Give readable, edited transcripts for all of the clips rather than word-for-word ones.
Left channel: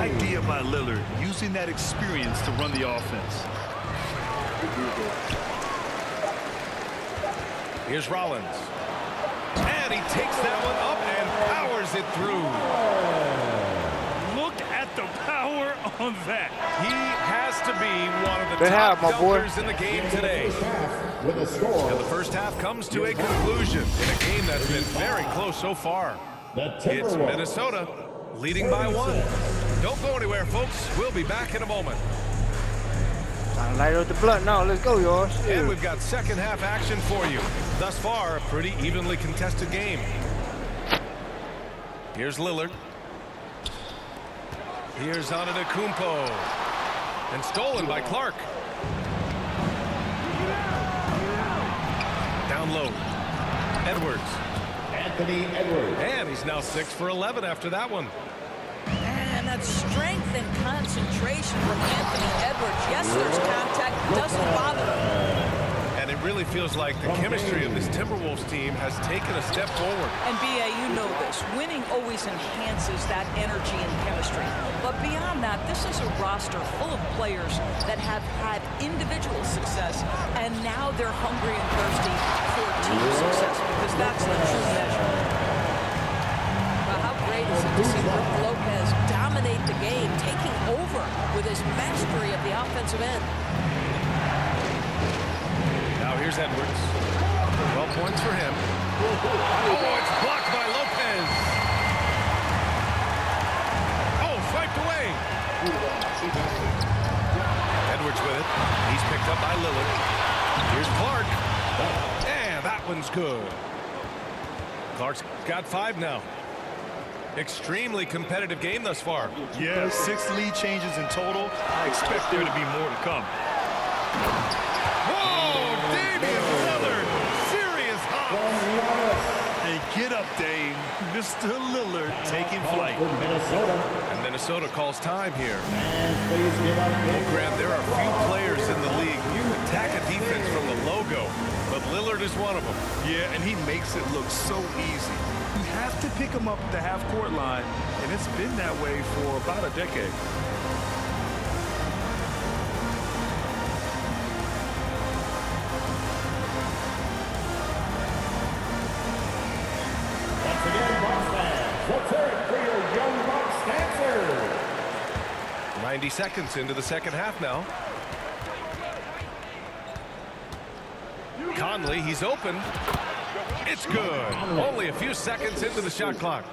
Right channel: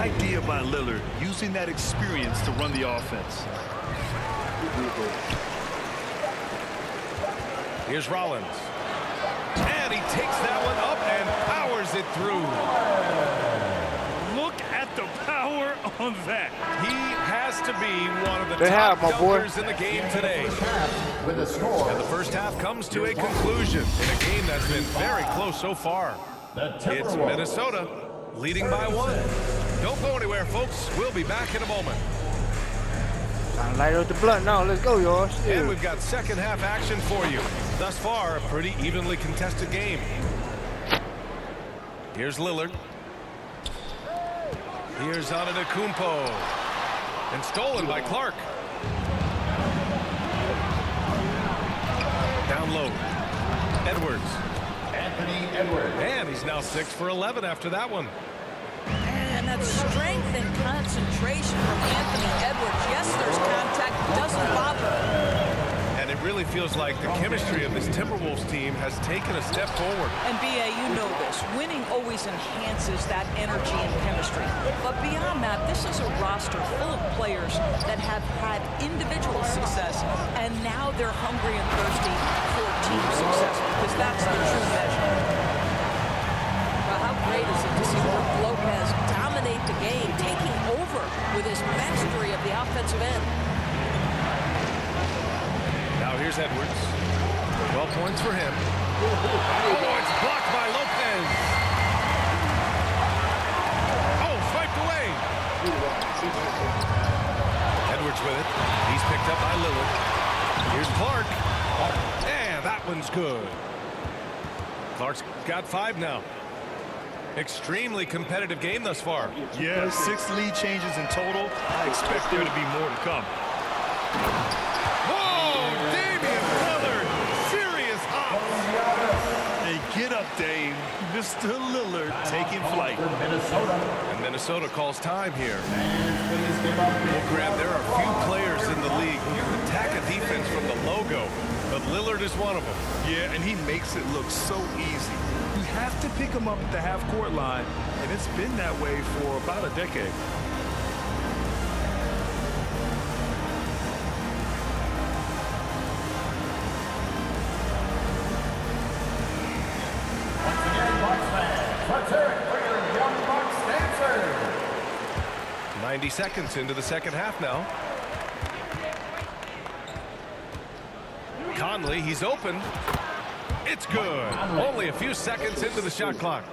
idea by Lillard, using that experience to run the offense. Here's Rollins. And he takes that one up and powers it through. Look at the power on that. He has to be one of the Good top half, my boy. dunkers in the game today. And the first half comes to a conclusion in a game that's been very close so far. It's Minnesota leading by 1. Don't go anywhere, folks. We'll be back in a moment. Time to light up the blunt now. Let's go, y'all. And we've got second half action for you. Thus far, a pretty evenly contested game. Here's Lillard. Here's Antetokounmpo. And stolen by Clark. Down low. Edwards. Anthony Edwards. And he's now 6 for 11 after that one. And that strength and concentration from Anthony Edwards. Yes, there's contact. Doesn't bother him. And it really feels like the chemistry of this Timberwolves team has taken a step forward. And B.A., you know this. Winning always enhances that energy and chemistry. But beyond that, this is a roster full of players that have had individual success, and now they're hungry and thirsty for team success, because that's the true measure. Well, how great is it to see Brook Lopez dominate the game, taking over with his mastery of the offensive end. Now here's Edwards. 12 points for him. Oh, it's blocked by Lopez. Oh, swiped away. Edwards with it. He's picked up by Lillard. Here's Clark. And that one's good. Clark's got 5 now. Extremely competitive game thus far. Yeah, 6 lead changes in total. I expect there to be more to come. Whoa, Damian Lillard. Serious hops. Hey, get up, Dame. Mr. Lillard taking flight. And Minnesota calls time here. Well, Grant, there are few players in the league who can attack a defense from the logo, but Lillard is one of them. Yeah, and he makes it look so easy. You have to pick him up at the half-court line, and it's been that way for about a decade. Once again, Bucks fans, let's hear it for your young Bucks dancers. 90 seconds into the second half now. Conley, he's open. It's good. Only a few seconds into the shot clock.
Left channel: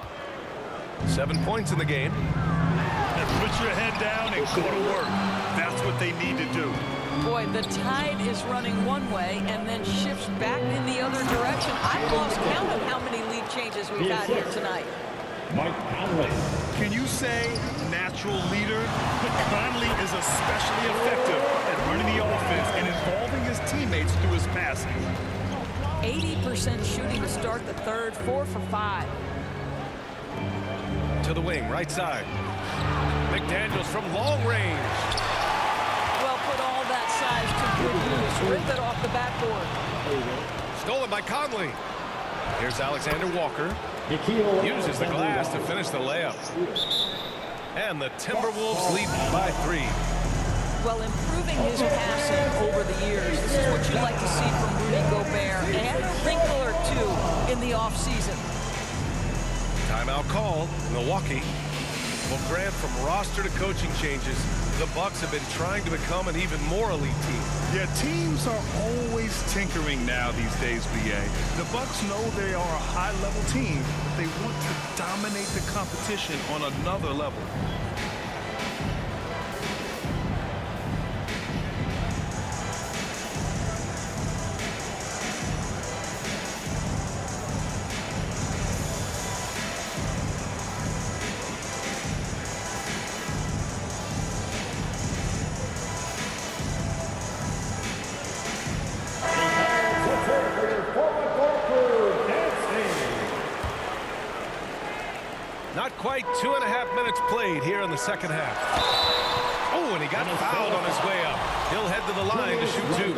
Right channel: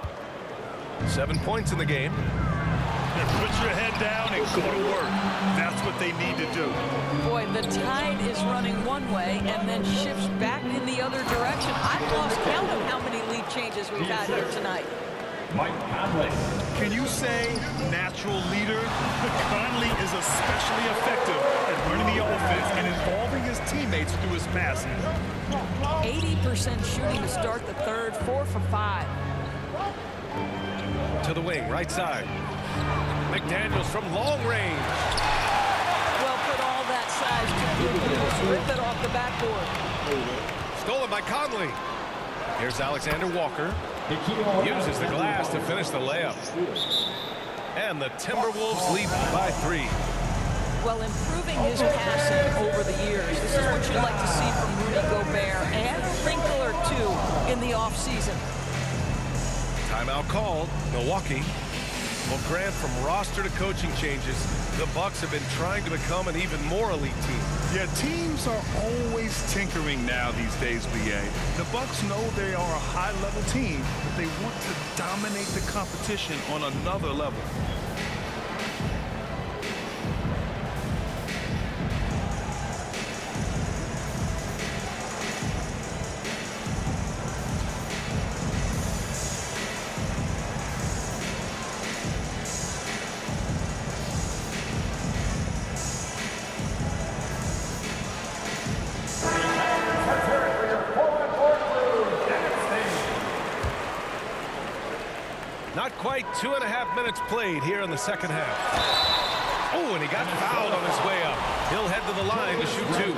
7 points in the game. Put your head down and go to work. That's what they need to do. Boy, the tide is running one way and then shifts back in the other direction. I've lost count of how many lead changes we've had here tonight. Mike Conley. Can you say natural leader? Conley is especially effective at running the offense and involving his teammates through his passing. 80% shooting to start the third, 4 for 5. To the wing, right side. McDaniels from long range. Well, put all that size to good use. Rip it off the backboard. Stolen by Conley. Here's Alexander Walker. Uses the glass to finish the layup. And the Timberwolves lead by 3. Well, improving his passing over the years. This is what you'd like to see from Rudy Gobert, and a wrinkle or two in the offseason. Timeout called. Milwaukee. Well, Grant, from roster to coaching changes, the Bucks have been trying to become an even more elite team. Yeah, teams are always tinkering now these days, BA. The Bucks know they are a high-level team, but they want to dominate the competition on another level. Not quite 2.5 minutes played here in the second half. Oh, and he got fouled on his way up. He'll head to the line to shoot 2.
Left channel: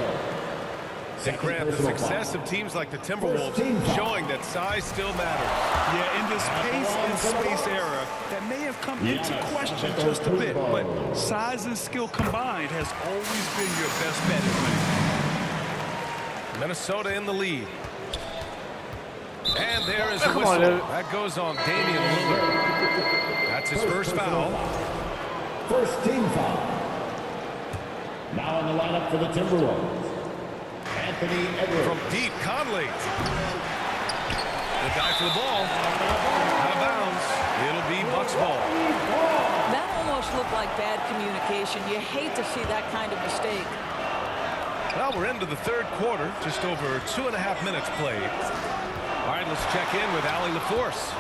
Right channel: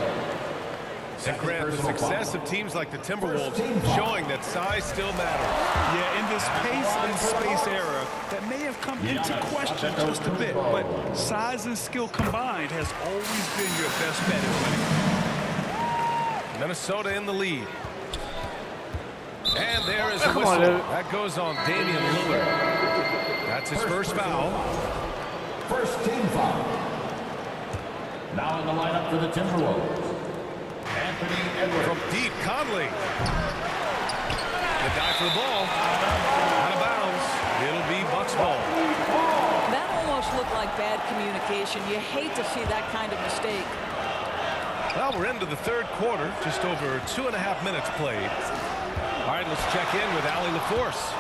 And Grant, the success of teams like the Timberwolves showing that size still matters. Yeah, in this pace and space era, that may have come into question just a bit, but size and skill combined has always been your best bet at winning. Minnesota in the lead. And there is a whistle. That goes on Damian Lillard. That's his first foul. First team foul. Now in the lineup for the Timberwolves, Anthony Edwards. From deep, Conley. The dive for the ball. Out of bounds. It'll be Bucks ball. That almost looked like bad communication. You hate to see that kind of mistake. Well, we're into the third quarter. Just over 2.5 minutes played. All right, let's check in with Allie LaForce.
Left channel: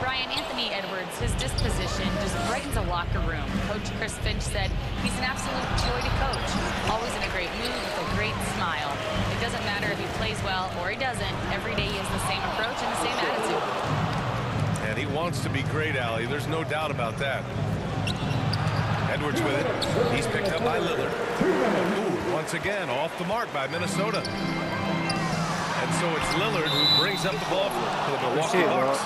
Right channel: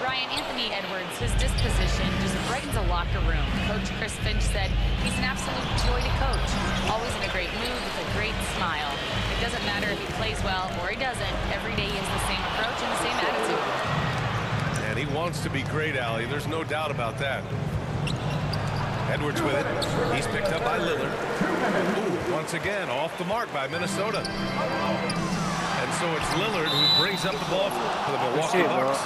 Ryan, Anthony Edwards, his disposition just brightens a locker room. Coach Chris Finch said he's an absolute joy to coach. Always in a great mood with a great smile. It doesn't matter if he plays well or he doesn't. Every day he has the same approach and the same attitude. And he wants to be great, Allie. There's no doubt about that. Edwards with it. He's picked up by Lillard. Ooh, once again, off the mark by Minnesota. And so it's Lillard who brings up the ball for the Milwaukee Bucks.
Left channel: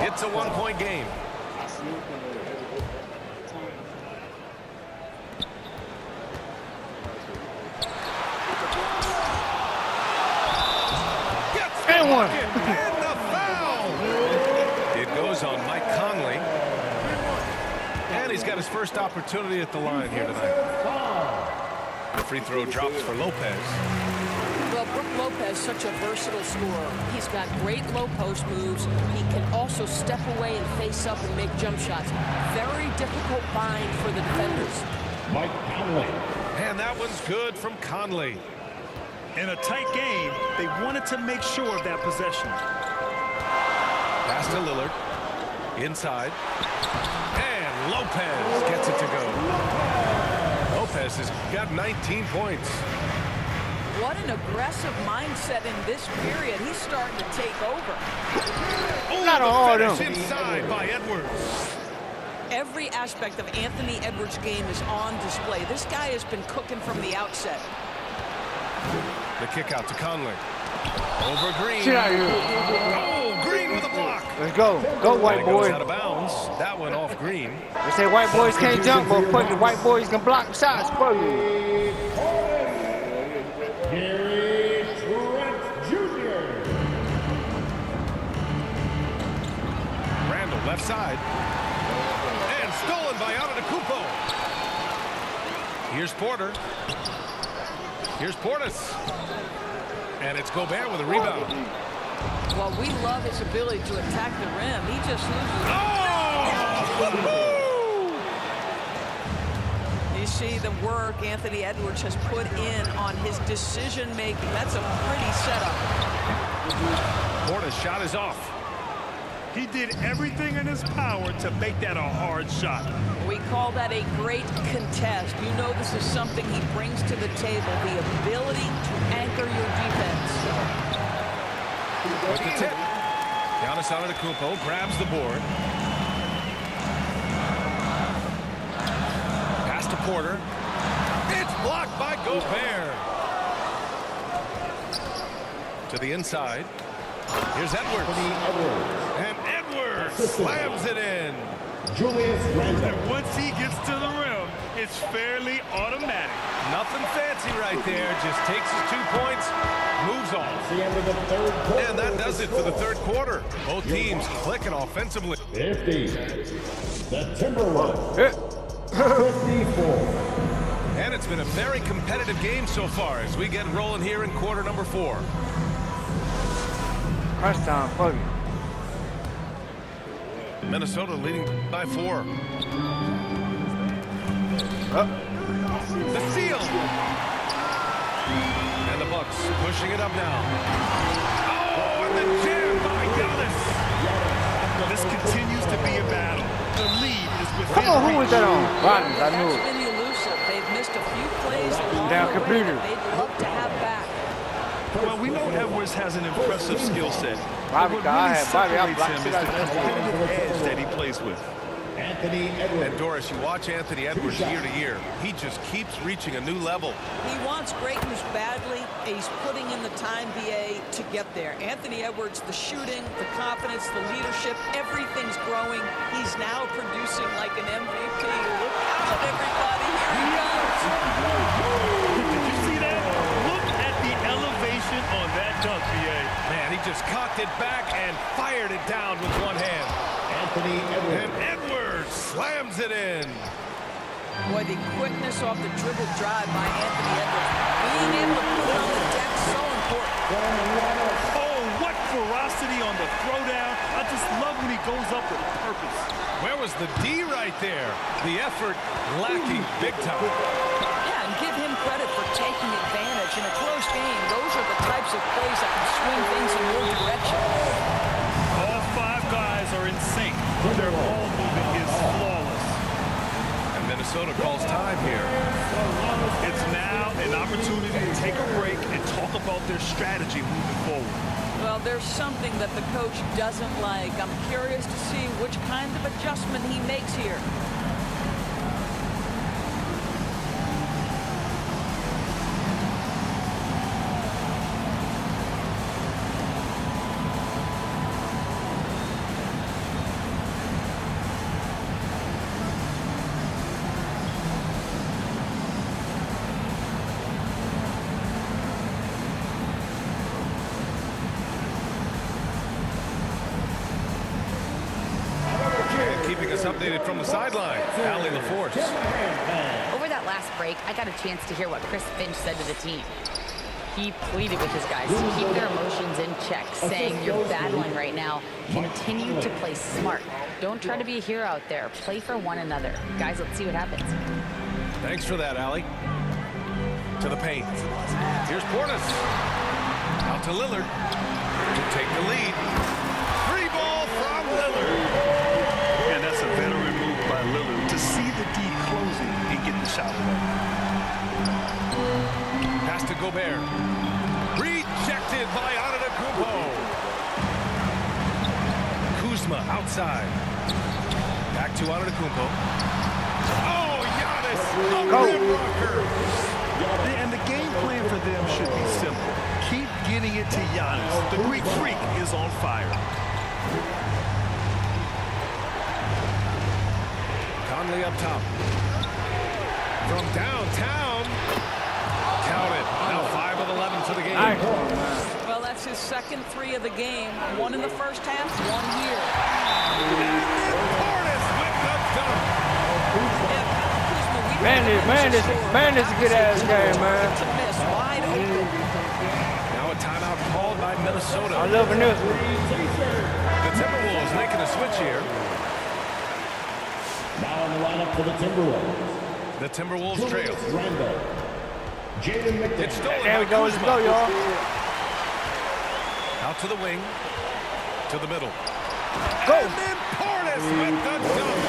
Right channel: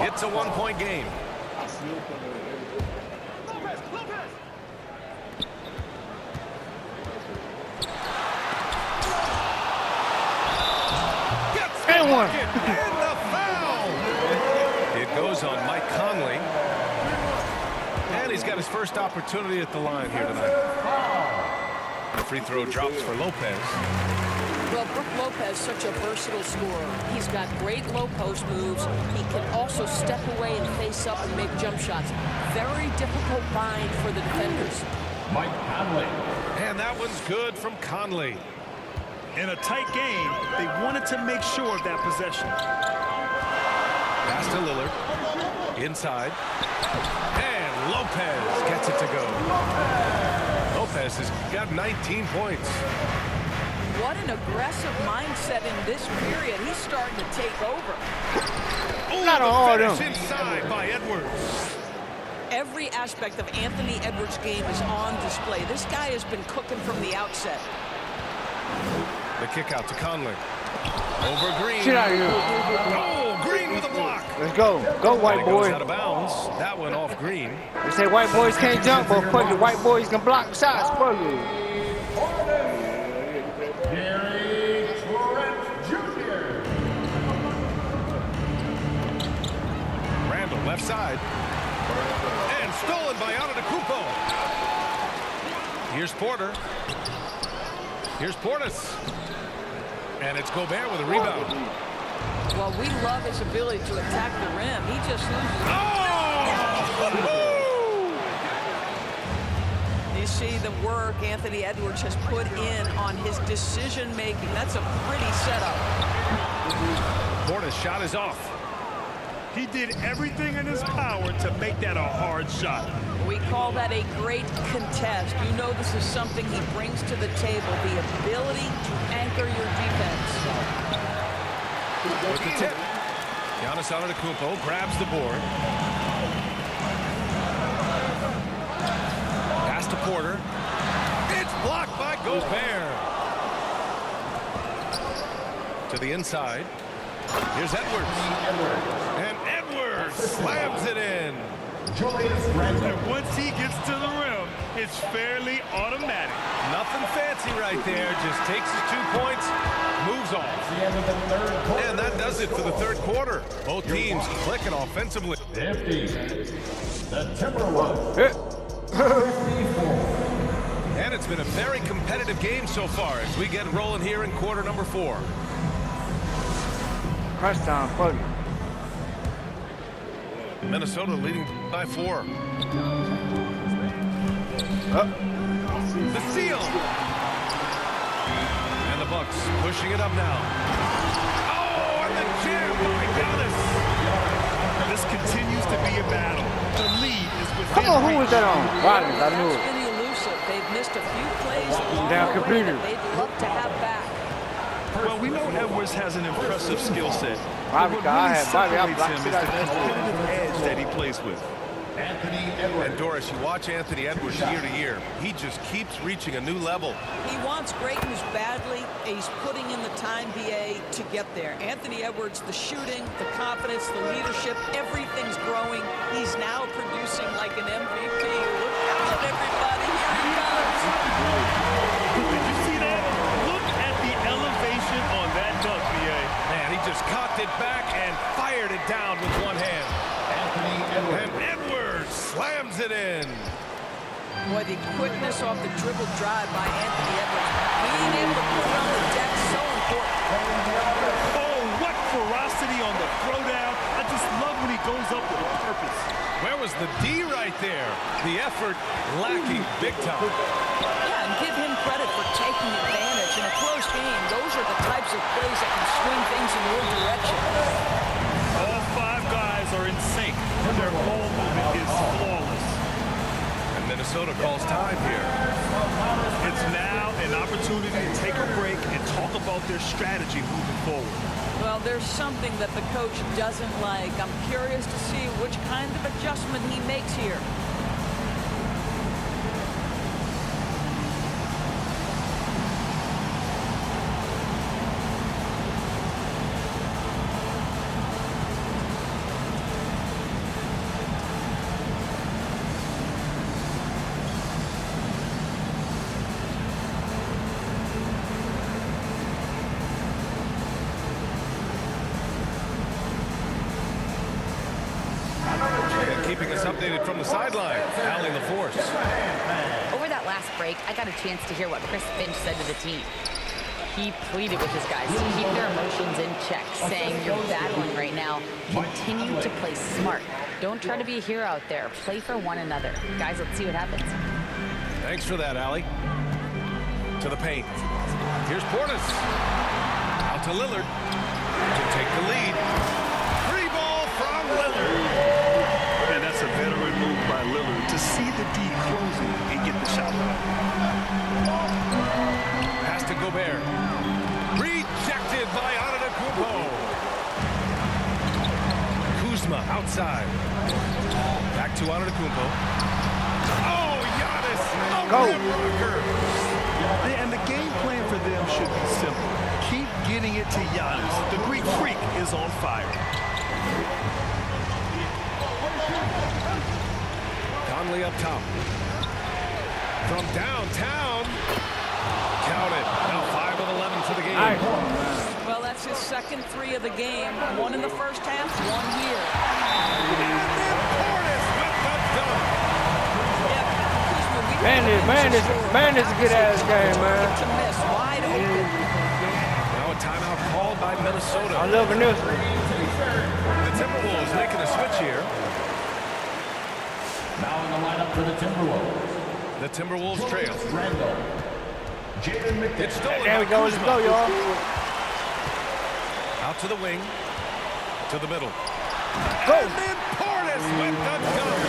It's a one-point game. Gets the bucket and the foul. It goes on Mike Conley. And he's got his first opportunity at the line here tonight. The free throw drops for Lopez. Well, Brook Lopez, such a versatile scorer. He's got great low post moves. He can also step away and face up and make jump shots. Very difficult bind for the defenders. Mike Conley. And that one's good from Conley. In a tight game, they wanted to make sure of that possession. Pass to Lillard. Inside. And Lopez gets it to go. Lopez has got 19 points. What an aggressive mindset in this period. He's starting to take over. Oh, the finish inside by Edwards. Every aspect of Anthony Edwards' game is on display. This guy has been cooking from the outset. The kick out to Conley. Over Green. Get out of here. Oh, Green with a block. Let's go. Go, white boy. Goes out of bounds. That one off Green. They say white boys can't jump, but fuck it, white boys can block shots for you. Gary Trent Jr. Randall left side. And stolen by Antetokounmpo. Here's Porter. Here's Portis. And it's Gobert with a rebound. Well, we love his ability to attack the rim. He just loses. Oh! You see the work Anthony Edwards has put in on his decision making. That's a pretty setup. Portis' shot is off. He did everything in his power to make that a hard shot. We call that a great contest. You know this is something he brings to the table, the ability to anchor your defense. With the tip. Giannis Antetokounmpo grabs the board. Pass to Porter. It's blocked by Gobert. To the inside. Here's Edwards. And Edwards slams it in. Julius Randle. And once he gets to the rim, it's fairly automatic. Nothing fancy right there. Just takes his 2 points, moves on. It's the end of the third quarter. And that does it for the third quarter. Both teams clicking offensively. 50. The Timberwolves. 54. And it's been a very competitive game so far as we get rolling here in quarter number 4. Crunch time, fuck it. Minnesota leading by 4. The steal. And the Bucks pushing it up now. Oh, and the jam by Giannis. This continues to be a battle. The lead is within Come on, who was that on? Rodgers, I knew That's it. been elusive. They've missed a few plays along Down the computer. way that they'd love to have back. Well, we know Edwards has an impressive skill set. Bobby, But what I really had Bobby, I separates blocked him is shit the out of that shit. competitive edge that he plays with. Anthony Edwards. And Doris, you watch Anthony Edwards year to year. He just keeps reaching a new level. He wants greatness badly. He's putting in the time, BA, to get there. Anthony Edwards, the shooting, the confidence, the leadership, everything's growing. He's now producing like an MVP. Look out, everybody. Here he comes. Did you see that? Look at the elevation on that dunk, BA. Man, he just cocked it back and fired it down with one hand. Anthony Edwards. And Edwards slams it in. Boy, the quickness off the dribble drive by Anthony Edwards. Being able to put it on the deck, so important. Oh, what ferocity on the throwdown. I just love when he goes up with a purpose. Where was the D right there? The effort lacking big time. Yeah, and give him credit for taking advantage. In a close game, those are the types of plays that can swing things in your direction. All five guys are in sync. Their ball movement is flawless. And Minnesota calls time here. It's now an opportunity to take a break and talk about their strategy moving forward. Well, there's something that the coach doesn't like. I'm curious to see which kind of adjustment he makes here. Keeping us updated from the sideline, Allie LaForce. Over that last break, I got a chance to hear what Chris Finch said to the team. He pleaded with his guys to keep their emotions in check, saying, you're battling right now. Continue to play smart. Don't try to be a hero out there. Play for one another. Guys, let's see what happens. Thanks for that, Allie. To the paint. Here's Portis. Out to Lillard to take the lead. Free ball from Lillard. And that's a veteran move by Lillard to see the D closing and get the shot away. Pass to Gobert. Rejected by Antetokounmpo. Kuzma outside. Back to Antetokounmpo. Oh, Giannis! A rim rocker! And the game plan for them should be simple. Keep getting it to Giannis. The Greek freak is on fire. Conley up top. From downtown. Count it. Now 5 of 11 for the game. Nice. Well, that's his second three of the game. One in the first half, one here. And then Portis with the dunk. Yeah, Kyle Kuzma, we Man, this is a good-ass game, man. To miss, wide open. Now a timeout called by Minnesota. I'm loving this one. The Timberwolves making a switch here. Now in the lineup for the Timberwolves. The Timberwolves trail. Randall. Jaden McDaniels. It's stolen There we by go. Let's Kuzma. go, y'all. Out to the wing. To the middle. Go. And then Portis with the dunk.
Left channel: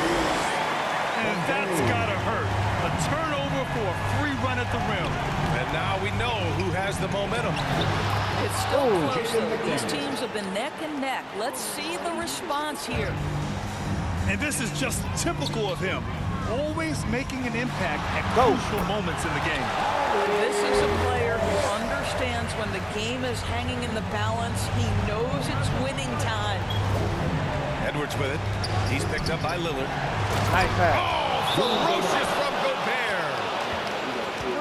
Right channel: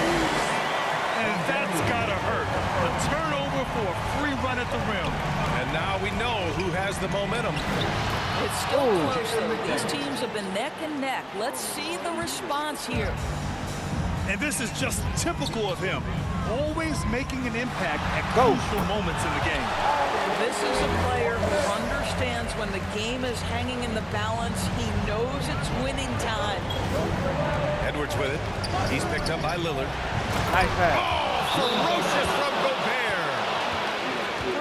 And that's gotta hurt. A turnover for a free run at the rim. And now we know who has the momentum. It's still close, though. These teams have been neck and neck. Let's see the response here. And this is just typical of him. Always making an impact at crucial moments in the game. This is a player who understands when the game is hanging in the balance. He knows it's winning time. Edwards with it. He's picked up by Lillard. Nice pass. Oh, ferocious from Gobert.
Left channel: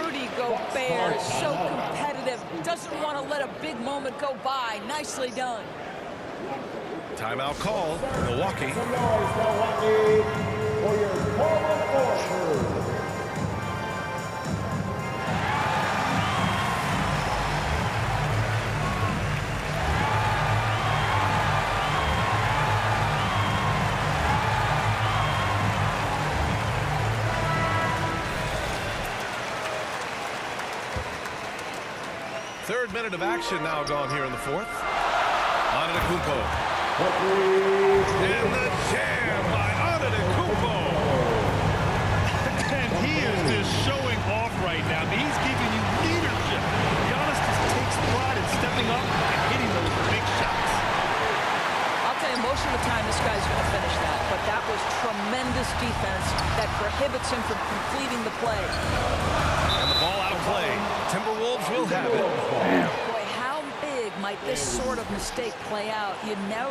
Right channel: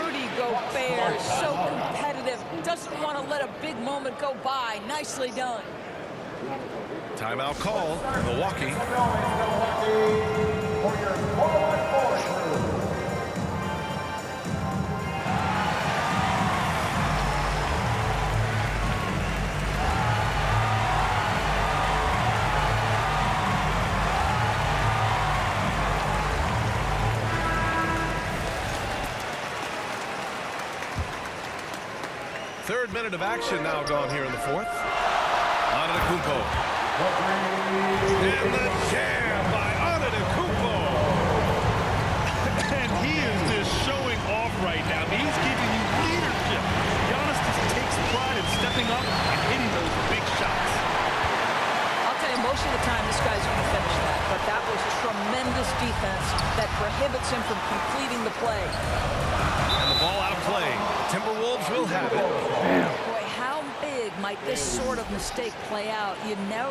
Rudy Gobert is so competitive. Doesn't want to let a big moment go by. Nicely done. Timeout call, Milwaukee. For your forward force. Third minute of action now gone here in the fourth. Antetokounmpo. And the jam by Antetokounmpo. And he is just showing off right now. I mean, he's giving you leadership. Giannis just takes pride in stepping up and hitting those big shots. I'll tell you, most of the time this guy's going to finish that, but that was tremendous defense that prohibits him from completing the play. And the ball out of play. The Timberwolves will have it. Boy, how big might this sort of mistake play out? You never